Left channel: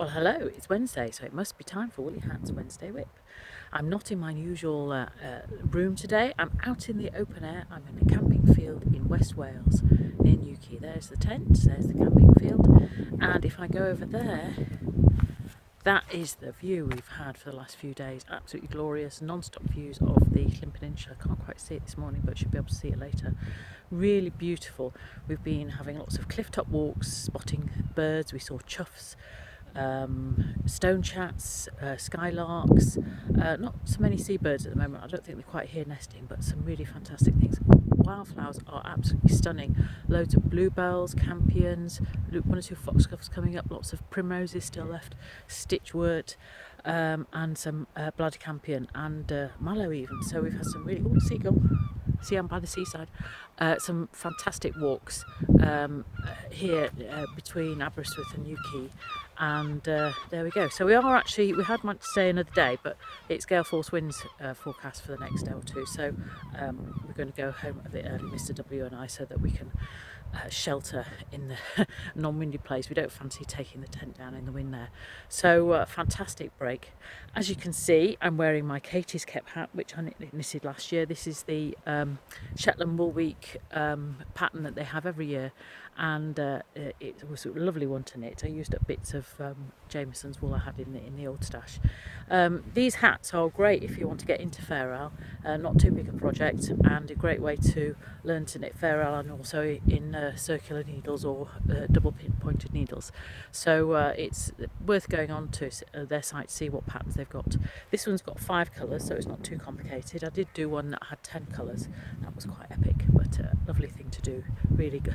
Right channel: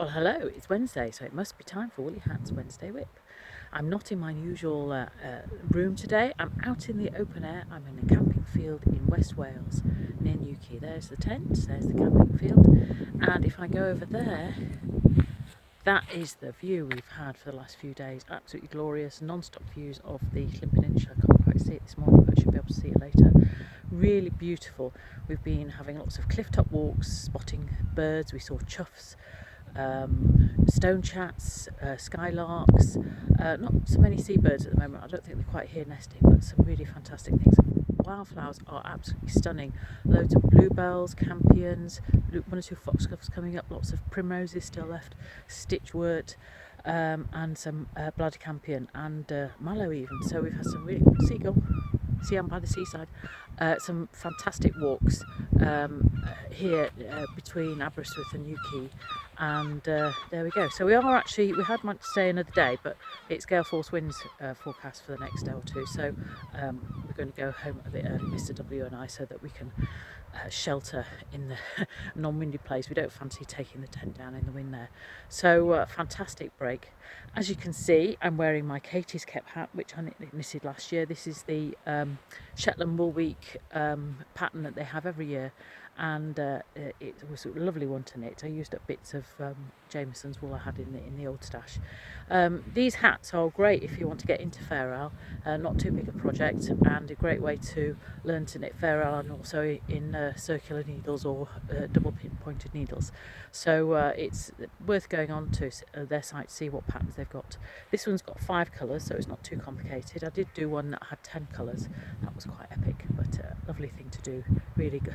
Well, hello, it's Wednesday, so it must be time for Woolly Hat's Wednesday Whip. I'm not in my usual room today. I'm out in the open air. I'm in a camping field in West Wales near Newquay. There's the tent, there's the camping field, and if I go over there, that is the view we've had for the last few days. Absolutely glorious, non-stop views of the Llyn Peninsula. I can't quite see it this morning, but should be able to see it later. Really beautiful. We've been having lots of cliff-top walks, spotting birds. We saw choughs, stone chats, skylarks, not so many seabirds at the moment. I don't think they're quite here nesting, but some really fantastic things. Wildflowers are absolutely stunning. Loads of bluebells, campions, one or two foxgloves coming up, lots of primroses still left, stitchwort, and some blood campion and mallow even. So we've had some really good seagull. See, I'm by the seaside. Some fantastic walks here between Aberystwyth and Newquay, and there we go. So we had meant to stay another day, but it's gale force winds forecast for the next day or two, so we're going to go home a bit early, Mr. W and I, so that we can shelter in the non-windy place. We don't fancy taking the tent down in the wind there. So fantastic break. As you can see, I'm wearing my Katie's Kep hat, which I knitted last year. This is the Shetland Wool Week pattern that they have every year, and it was a lovely one to knit. I used up bits of Jameson's wool I had in the old stash. These hats are great if you want to get into Fair Isle, not too big a project, and a great way to learn to knit Fair Isle, and also in circular needles or double pointed needles. So it's worth going on to their site to see what patterns they've got. This one's got 5 colours, so it's not too complicated. I did do one that had 10 colours. That was quite epic, but a lovely thing to do. Really good,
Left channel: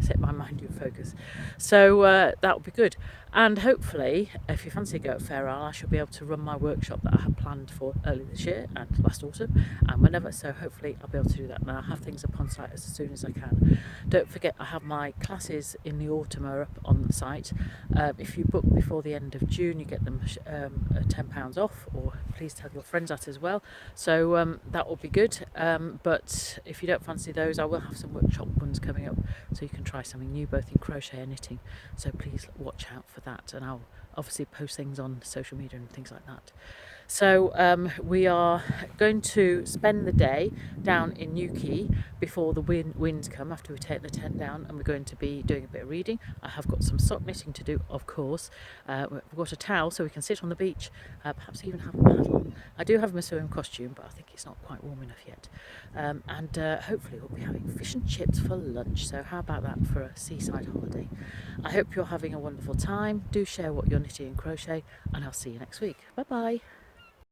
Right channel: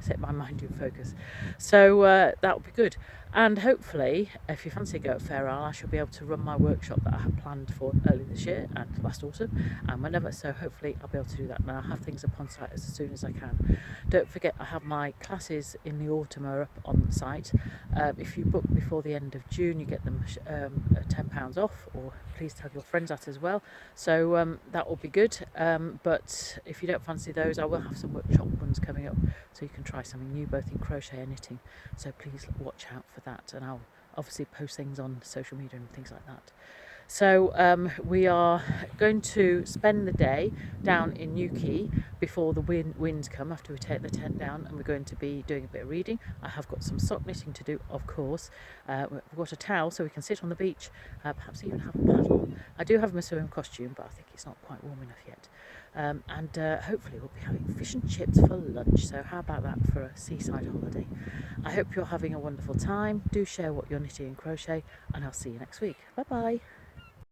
set my mind in focus. So that will be good. And hopefully, if you fancy a go at Fair Isle, I shall be able to run my workshop that I had planned for early this year and last autumn and whenever. So hopefully I'll be able to do that, and I'll have things up on site as soon as I can. Don't forget, I have my classes in the autumn are up on the site. If you book before the end of June, you get them £10 off, or please tell your friends that as well. So that will be good. But if you don't fancy those, I will have some workshop ones coming up, so you can try something new both in crochet and knitting. So please watch out for that, and I'll obviously post things on social media and things like that. So we are going to spend the day down in Newquay before the winds come, after we take the tent down, and we're going to be doing a bit of reading. I have got some sock knitting to do, of course. We've got a towel so we can sit on the beach, perhaps even have a paddle. I do have my swim costume, but I think it's not quite warm enough yet. And hopefully we'll be having fish and chips for lunch. So how about that for a seaside holiday? I hope you're having a wonderful time. Do share what you're knitting and crochet, and I'll see you next week. Bye bye.